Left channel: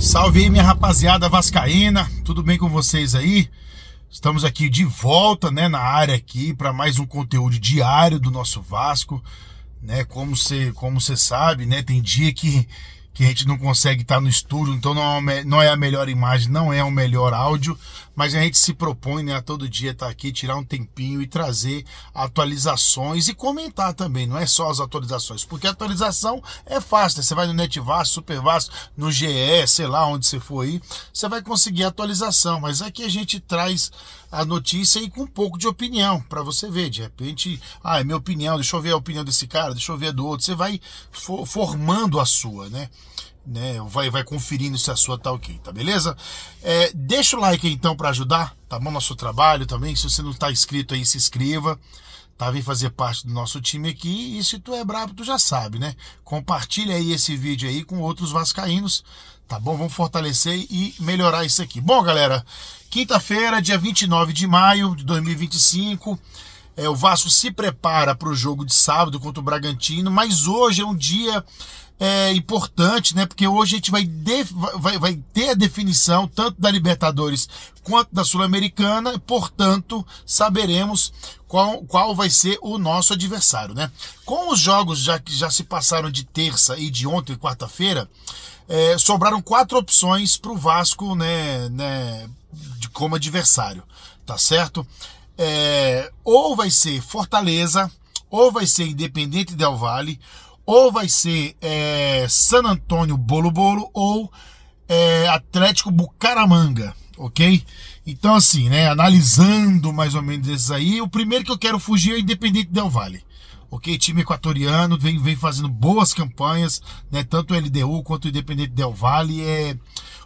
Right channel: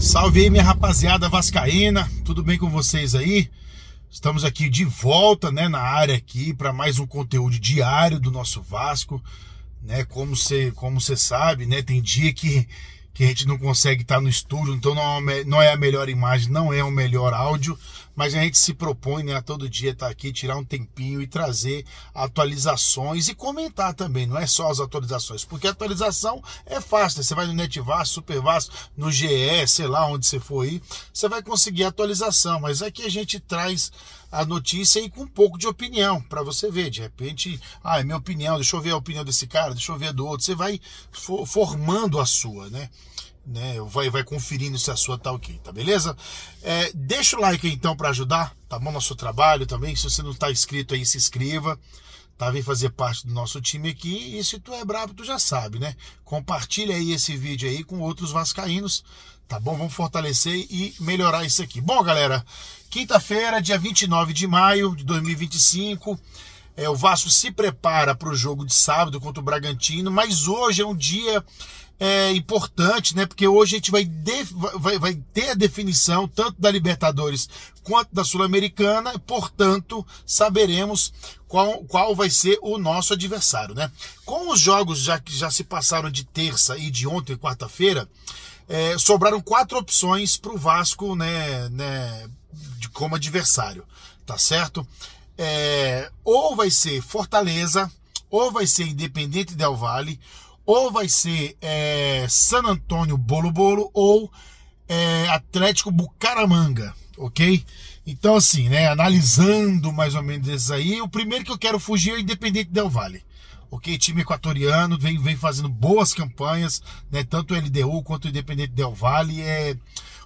Salve aí, minha rapaziada vascaína, tudo bem com vocês aí? Estamos aqui de volta, né, na área aqui para mais um conteúdo diário do nosso Vasco, né? Como você sabe, né, tem dia que a gente não consegue estar no estúdio, então não é a melhor imagem, não é o melhor áudio, mas a gente se propõe, né, a todo dia estar aqui, tirar um tempinho e trazer atualizações e comentar também, não é só as atualizações, porque a atualização é fácil, né? Você vai no Net Vasco, Super Vasco, no GE, sei lá onde você for aí, você vai conseguir a atualização, mas aqui a gente traz a notícia aí com um pouco de opinião, para você ver, de repente, é minha opinião, deixa eu ver a opinião desse cara, deixa eu ver a do outro, você vai formando a sua, né? Vai conferindo se a sua tá ok, tá beleza? Deixa o like aí então para ajudar, tá bom? Nosso trabalho também, se você não tá inscrito aí, se inscreva, tá? Vem fazer parte do nosso time aqui, e se tu é brabo, tu já sabe, né? Compartilha aí esse vídeo aí com outros vascaínos, tá bom? Vamos fortalecer e melhorar isso aqui. Bom, galera, quinta-feira, dia 29 de maio de 2025, o Vasco se prepara para o jogo de sábado contra o Bragantino, mas hoje é um dia importante, né? Porque hoje a gente vai ter a definição tanto da Libertadores quanto da Sul-Americana, portanto, saberemos qual vai ser o nosso adversário, né? Com os jogos que já se passaram de terça e de ontem, quarta-feira, sobraram 4 opções para o Vasco, né, como adversário, tá certo? Ou vai ser Fortaleza, ou vai ser Independente Del Valle, ou vai ser San Antônio Bolo-Bolo, ou Atlético Bucaramanga, ok? Então assim, né, analisando mais ou menos esses aí, o primeiro que eu quero fugir é o Independente Del Valle, ok? Time equatoriano, vem fazendo boas campanhas, né? Tanto o LDU quanto o Independente Del Valle é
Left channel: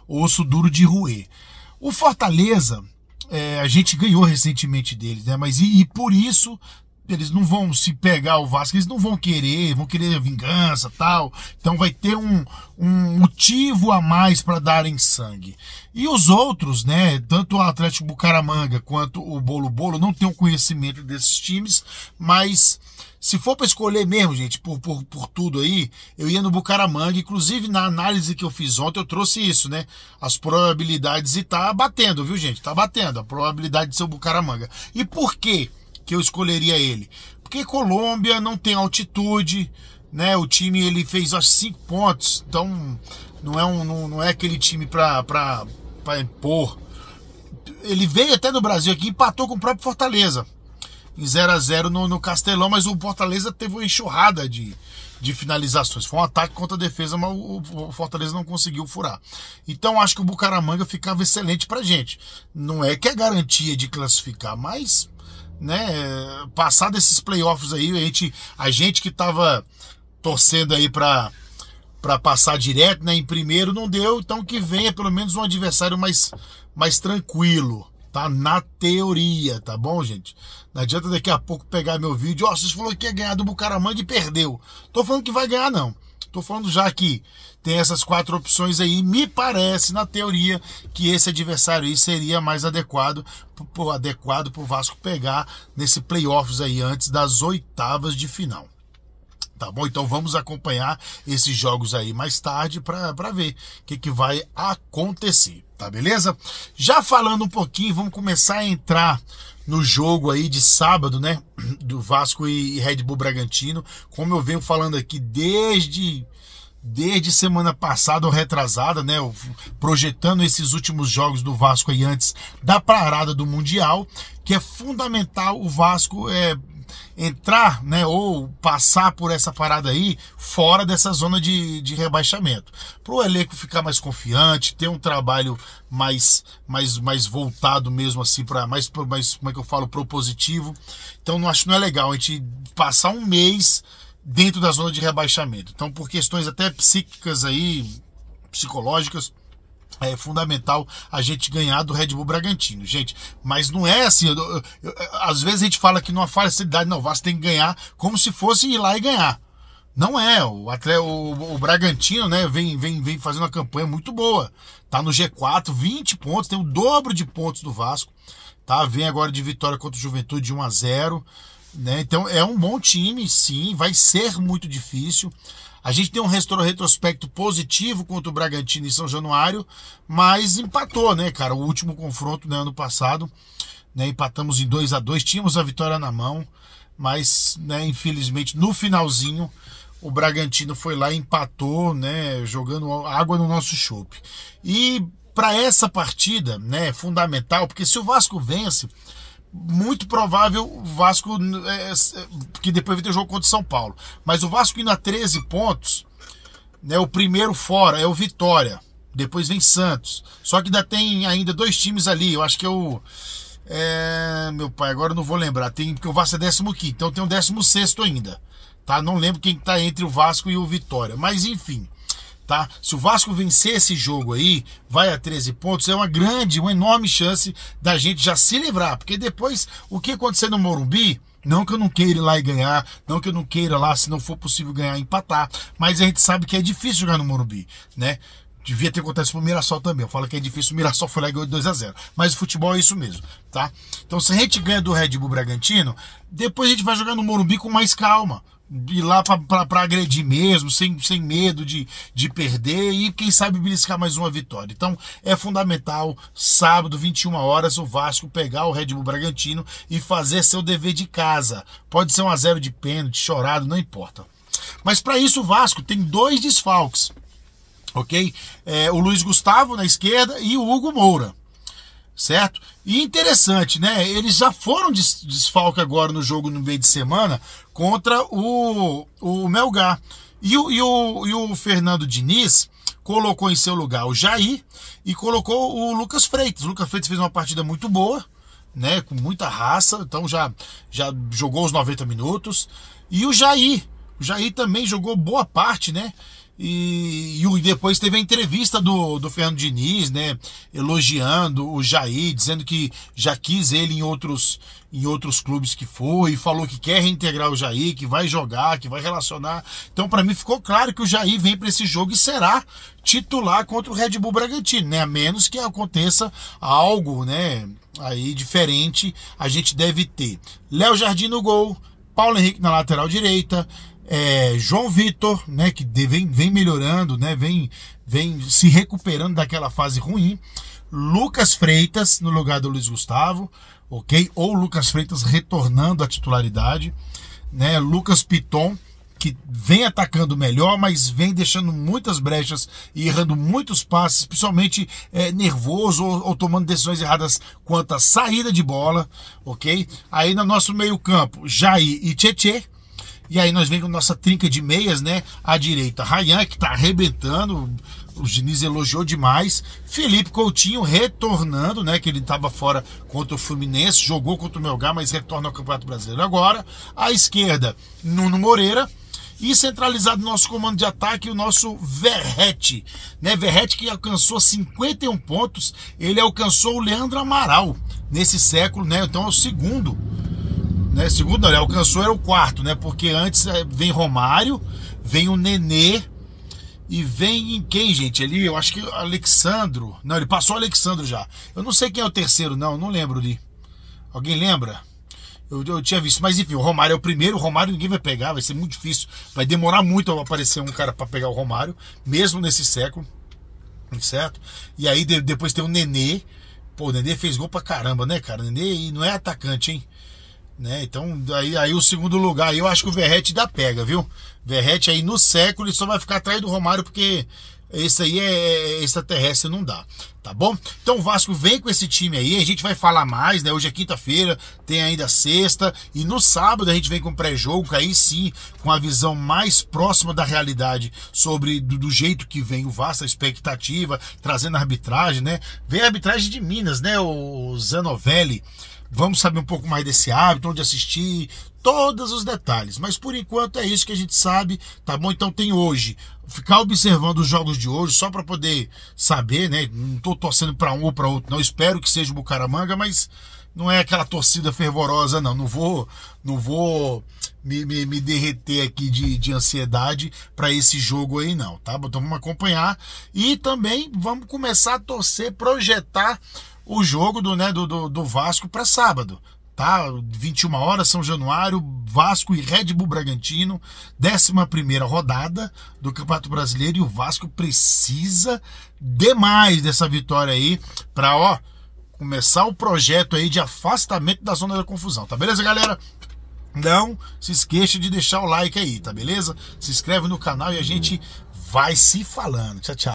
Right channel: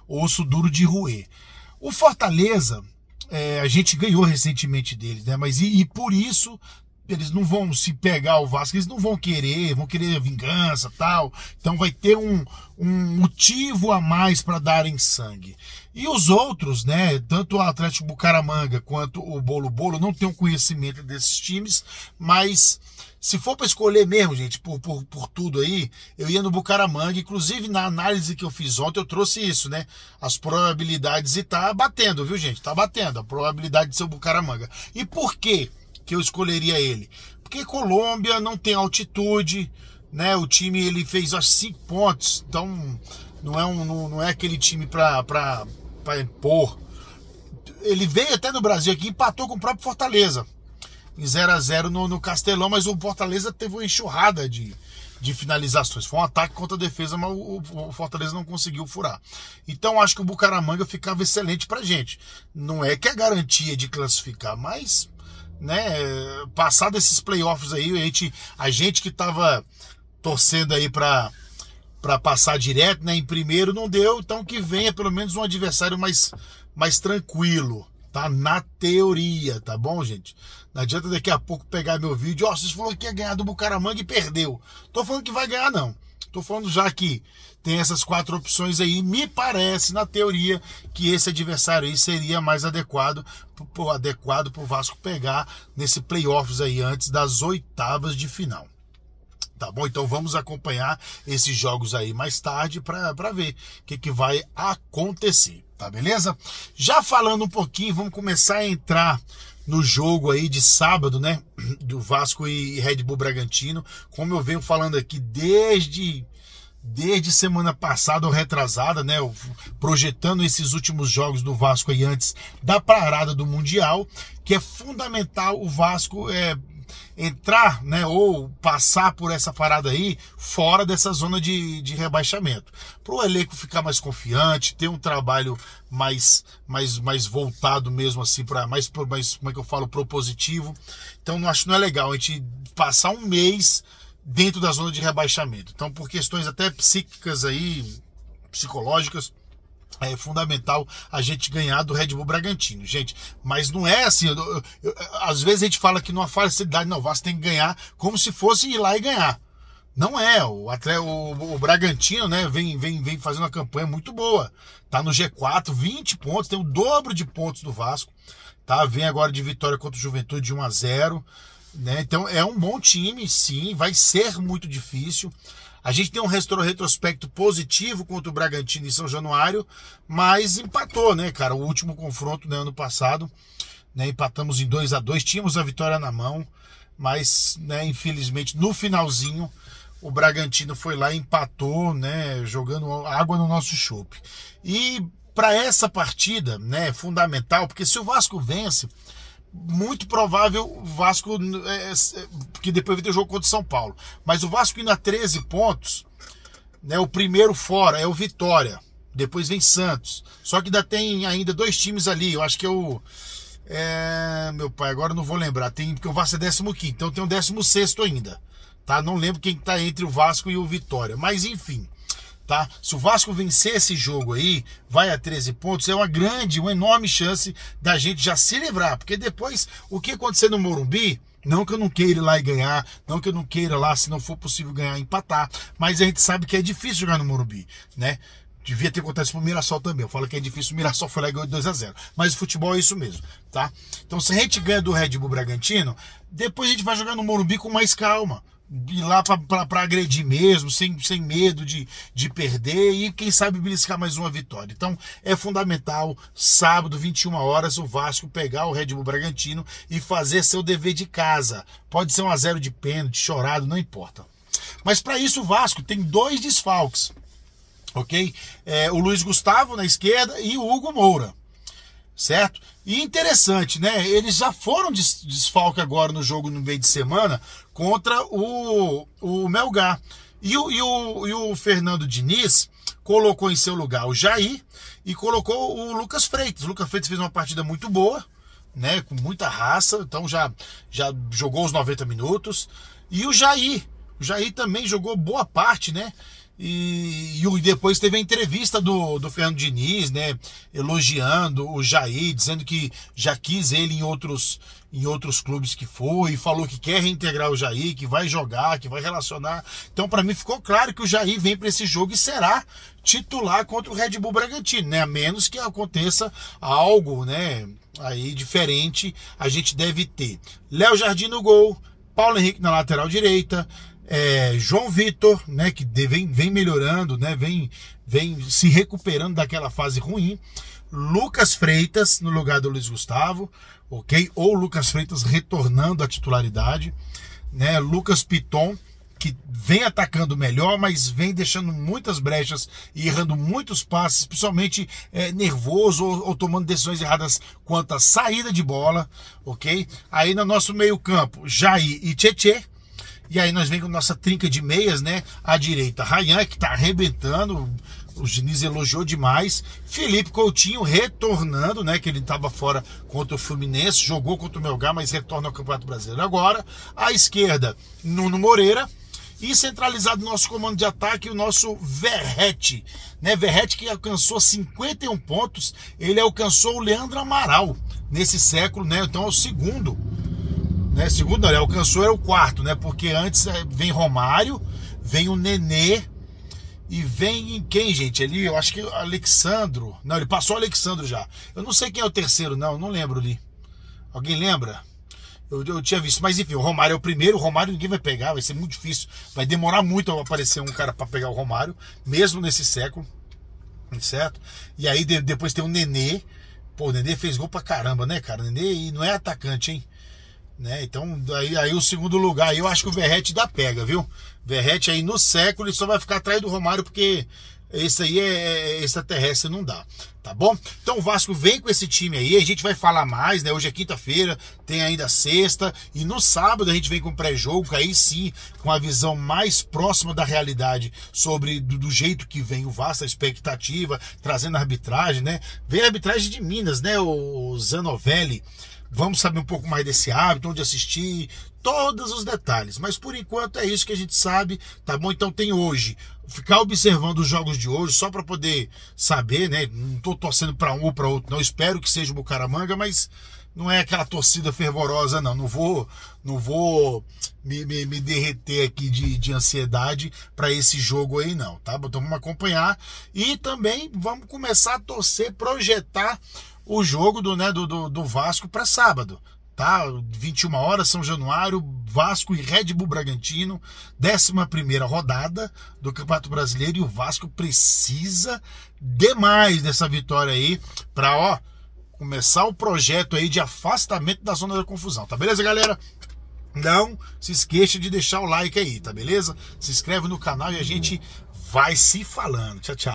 osso duro de roer. O Fortaleza, a gente ganhou recentemente deles, né? Mas e por isso eles não vão se pegar o Vasco, eles não vão querer vingança, tal. Então vai ter um motivo a mais para darem sangue. E os outros, né, tanto o Atlético Bucaramanga quanto o Bolo-Bolo, não tenho conhecimento desses times, mas se for para escolher mesmo, gente, por tudo aí, eu ia no Bucaramanga. Inclusive na análise que eu fiz ontem eu trouxe isso, né, as probabilidades, e tá batendo, viu, gente, tá batendo a probabilidade de ser o Bucaramanga. E por quê que eu escolheria ele? Porque Colômbia não tem altitude, né? O time ele fez acho 5 pontos, então não é aquele time para impor. Ele veio até no Brasil aqui, empatou com o próprio Fortaleza em 0-0 no Castelão, mas o Fortaleza teve uma enxurrada de finalizações. Foi um ataque contra a defesa, mas o Fortaleza não conseguiu furar. Então acho que o Bucaramanga ficava excelente pra gente. Não é que é garantia de classificar, mas, né, passar desses playoffs aí, a gente que tava torcendo aí para passar direto, né, em primeiro, não deu. Então que venha pelo menos um adversário mais tranquilo, tá? Na teoria, tá bom, gente? Não adianta daqui a pouco pegar meu vídeo, vocês falaram que ia ganhar do Bucaramanga e perdeu. Tô falando que vai ganhar, não. Tô falando já que tem essas 4 opções aí. Me parece, na teoria, que esse adversário aí seria mais adequado pro Vasco pegar nesse playoffs aí antes das oitavas de final. Tá bom? Então vamos acompanhar esses jogos aí mais tarde para ver o que vai acontecer, tá beleza? Já falando um pouquinho, vamos começar a entrar no jogo aí de sábado, né, do Vasco e Red Bull Bragantino. Como eu venho falando aqui desde semana passada ou retrasada, né, projetando esses últimos jogos do Vasco aí antes da parada do Mundial, que é fundamental o Vasco entrar, né, ou passar por essa parada aí fora dessa zona de rebaixamento, para o elenco ficar mais confiante, ter um trabalho mais voltado mesmo assim para mais, como é que eu falo, propositivo. Então não é legal a gente passar um mês dentro da zona de rebaixamento. Então, por questões até psíquicas aí, psicológicas, é fundamental a gente ganhar do Red Bull Bragantino, gente. Mas não é assim, às vezes a gente fala que numa facilidade, não, o Vasco tem que ganhar como se fosse ir lá e ganhar. Não é, o Bragantino, né, vem fazendo uma campanha muito boa. Tá no G4, 20 pontos, tem o dobro de pontos do Vasco. Tá? Vem agora de vitória contra o Juventude de 1-0. Né? Então é um bom time, sim, vai ser muito difícil. A gente tem um retrospecto positivo contra o Bragantino em São Januário, mas empatou, né, cara? O último confronto, né, ano passado, né, empatamos em 2-2, tínhamos a vitória na mão, mas, né, infelizmente, no finalzinho, o Bragantino foi lá e empatou, né, jogando água no nosso chope. E para essa partida, né, fundamental, porque se o Vasco vence, muito provável o Vasco, porque depois vai ter jogo contra o São Paulo, mas o Vasco indo a 13 pontos, né, o primeiro fora é o Vitória, depois vem Santos, só que ainda tem ainda 2 times ali, eu acho que é o... meu pai, agora eu não vou lembrar, porque o Vasco é 15º, então tem o 16º ainda, tá? Não lembro quem tá entre o Vasco e o Vitória, mas enfim, tá? Se o Vasco vencer esse jogo aí, vai a 13 pontos, é uma enorme chance da gente já se livrar, porque depois, o que acontecer no Morumbi, não que eu não queira ir lá e ganhar, não que eu não queira lá, se não for possível ganhar, empatar, mas a gente sabe que é difícil jogar no Morumbi, né? Devia ter acontecido pro Mirassol também. Eu falo que é difícil, o Mirassol foi lá e ganhou 2-0. Mas o futebol é isso mesmo, tá? Então se a gente ganha do Red Bull Bragantino, depois a gente vai jogar no Morumbi com mais calma. Ir lá pra agredir mesmo, sem medo de perder e quem sabe beliscar mais uma vitória. Então é fundamental, sábado, 21 horas, o Vasco pegar o Red Bull Bragantino e fazer seu dever de casa. Pode ser 1-0 de pênalti, chorado, não importa. Mas para isso o Vasco tem 2 desfalques. Ok? O Luiz Gustavo na esquerda e o Hugo Moura, certo? E interessante, né? Eles já foram desfalque agora no jogo no meio de semana contra o Melgar. E o Fernando Diniz colocou em seu lugar o Jair e colocou o Lucas Freitas. O Lucas Freitas fez uma partida muito boa, né? Com muita raça, então já jogou os 90 minutos. E o Jair também jogou boa parte, né? E depois teve a entrevista do Fernando Diniz, né, elogiando o Jair, dizendo que já quis ele em outros clubes que foi, e falou que quer reintegrar o Jair, que vai jogar, que vai relacionar. Então para mim ficou claro que o Jair vem para esse jogo e será titular contra o Red Bull Bragantino, né, a menos que aconteça algo, né, aí diferente. A gente deve ter Léo Jardim no gol, Paulo Henrique na lateral direita, João Vitor, né, que vem melhorando, né, vem se recuperando daquela fase ruim. Lucas Freitas no lugar do Luiz Gustavo, ok? Ou Lucas Freitas retornando à titularidade, né? Lucas Piton, que vem atacando melhor, mas vem deixando muitas brechas e errando muitos passes, principalmente nervoso ou tomando decisões erradas quanto à saída de bola, ok? Aí no nosso meio campo, Jair e Tietê. E aí nós vem com nossa trinca de meias, né? À direita, Ryan, que tá arrebentando, o Diniz elogiou demais. Felipe Coutinho retornando, né? Que ele tava fora contra o Fluminense, jogou contra o Melgar, mas retorna ao Campeonato Brasileiro agora. À esquerda, Nuno Moreira. E centralizado no nosso comando de ataque, o nosso Verratti, né? Verratti que alcançou 51 pontos, ele alcançou o Leandro Amaral nesse século, né? Então é o segundo. Né, segundo não, ele alcançou, era o quarto, né? Porque antes vem Romário, vem o Nenê e vem quem, gente? Ali, eu acho que Alexandro. Não, ele passou o Alexandro já. Eu não sei quem é o terceiro, não lembro ali. Alguém lembra? Eu tinha visto, mas enfim, o Romário é o primeiro. O Romário ninguém vai pegar, vai ser muito difícil. Vai demorar muito a aparecer um cara para pegar o Romário, mesmo nesse século, certo? E aí depois tem o Nenê. Pô, o Nenê fez gol pra caramba, né, cara? O Nenê não é atacante, hein? Né? Então aí o segundo lugar, eu acho que o Verratti dá pega, viu? Verratti aí no século ele só vai ficar atrás do Romário, porque esse aí é extraterrestre, não dá, tá bom? Então o Vasco vem com esse time aí, a gente vai falar mais, né? Hoje é quinta-feira, tem ainda sexta, e no sábado a gente vem com pré-jogo, aí sim, com a visão mais próxima da realidade sobre do jeito que vem o Vasco, a expectativa, trazendo a arbitragem, né? Vem a arbitragem de Minas, né? O Zanovelli. Vamos saber um pouco mais desse hábito, onde assistir, todos os detalhes. Mas por enquanto é isso que a gente sabe, tá bom? Então tem hoje, ficar observando os jogos de hoje, só para poder saber, né? Não tô torcendo para um ou para outro, não. Espero que seja o Bucaramanga, mas não é aquela torcida fervorosa, não. Não vou me derreter aqui de ansiedade para esse jogo aí, não, tá? Então vamos acompanhar e também vamos começar a torcer, projetar o jogo do Vasco para sábado, tá? 21 horas, São Januário, Vasco e Red Bull Bragantino, 11ª rodada do Campeonato Brasileiro, e o Vasco precisa demais dessa vitória aí para, ó, começar o projeto aí de afastamento da zona da confusão, tá beleza, galera? Não se esqueça de deixar o like aí, tá beleza? Se inscreve no canal e a gente vai se falando. Tchau, tchau.